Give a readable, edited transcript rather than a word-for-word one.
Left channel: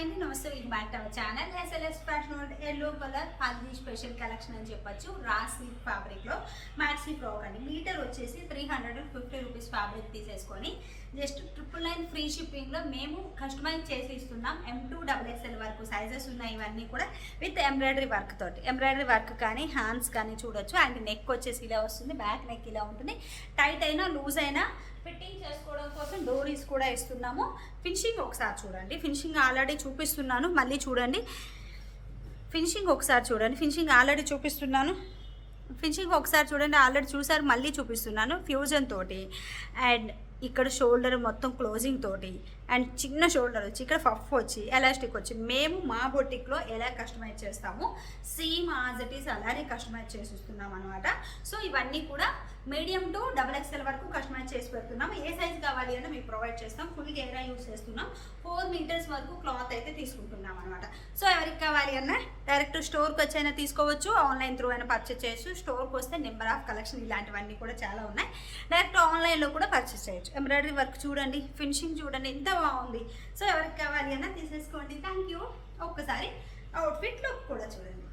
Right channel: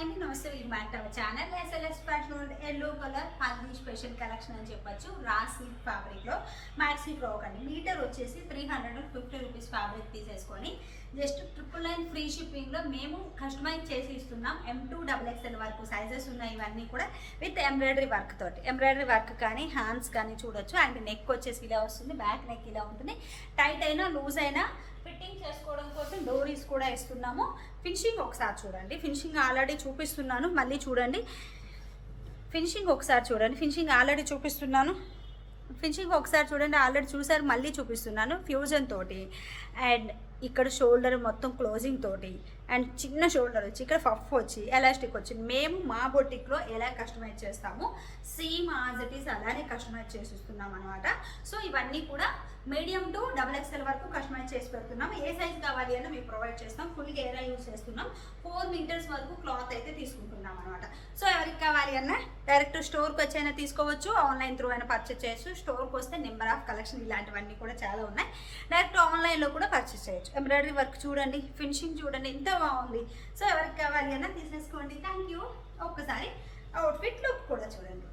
Hi అండి, నమస్తే. Welcome back to our channel. SLS fashion yellow colour haldi special collection అని చెప్పొచ్చు. రా సిల్క్ ఫ్యాబ్రిక్లో మ్యాట్ సిల్క్ ఫ్రాక్ అండి. మీటర్ వచ్చేసి 350 రూపీస్ ఫ్యాబ్రిక్ తీసేసుకొని జస్ట్ 999 ఫ్రీ షిప్పింగ్లో మేము కస్టమైజ్ చేసి ఇస్తున్నాం. M2XXL వరకు సైజెస్ ఉన్నాయి. ఇవన్నీ కూడా విత్ ఎంబ్రాయిడరీ వర్క్ తోటి. ఎంబ్రాయిడరీ వర్క్ కానీ హ్యాండ్స్ కానీ చూడొచ్చు. అండ్ నెక్ వచ్చేసి ఇలా వస్తుంది, బ్యాక్ నెక్ ఇలా ఉంటుంది. టైట్ అయినా లూజ్ అయినా ఫిట్టింగ్ చేసుకోవడం కోసం డోరీస్ కూడా ఇస్తున్నాము. ఫినిషింగ్ ఒకసారి చూడండి. ఫినిషింగ్ ఆల్రెడీ చూపిస్తున్నాను, మళ్ళీ చూడండి. ఫినిషింగ్ ఒకసారి చూడండి. ఫినిషింగ్ ఆల్రెడీ చూపిస్తున్నాను. ఫినిషింగ్ ఒకసారి చూడండి, ఆల్రెడీ చూసారు, మళ్ళీ చూపిస్తున్నాను. ఫ్యూజన్ తోటి అండ్ ఇక్కడ షోల్డర్ మొత్తం క్లోజింగ్ తోటి అండ్ చిన్న షోల్డర్ వచ్చి ఇక్కడ పఫ్ వచ్చి ఎలాస్టిక్ వచ్చి మేము మా బొటిక్లో ఎలా కస్టమైజ్ చేస్తాము సేమ్ యాజ్ ఇట్ ఈస్ అలానే కస్టమైజ్ చేసి ఇస్తున్నాం అనమాట. సో ఇవన్నీ కూడా మీడియం టు XXL వరకు కస్టమైజ్ చేసి పెడుతున్నాం. ఏ సైజ్ కావాలి అని మేము ప్రొవైడ్ చేస్తాం. ఫుల్ గేరా యూజ్ చేస్తున్నాం. 4 మీటర్స్ వరకు క్లాత్ అయితే తీసుకుంటున్నాం అనమాట. సో ఎవరికి కావాలి అన్న డైరెక్ట్ స్టోర్కి వచ్చి అయినా తీసుకోవచ్చు, ఆన్లైన్ త్రూ అయినా పర్చేస్ చేయొచ్చు. స్టోర్కి వస్తే నెంబర్ ఆఫ్ కలెక్షన్ ఇలాంటివన్నీ కూడా చాలా ఉన్నాయి. డైరెక్ట్ ఆన్లైన్లో కూడా పర్చేస్ చేయొచ్చు. ఎంబ్రాయిడరీ వర్క్ చూడండి, ఫినిషింగ్ చూడండి, ఎంత బాగుంది. సో ఎవరికి కావాలి అన్న తీసేసుకోండి. Thank you. ఒక్కసారి అవుట్ఫిట్ లుక్ కూడా చూడండి.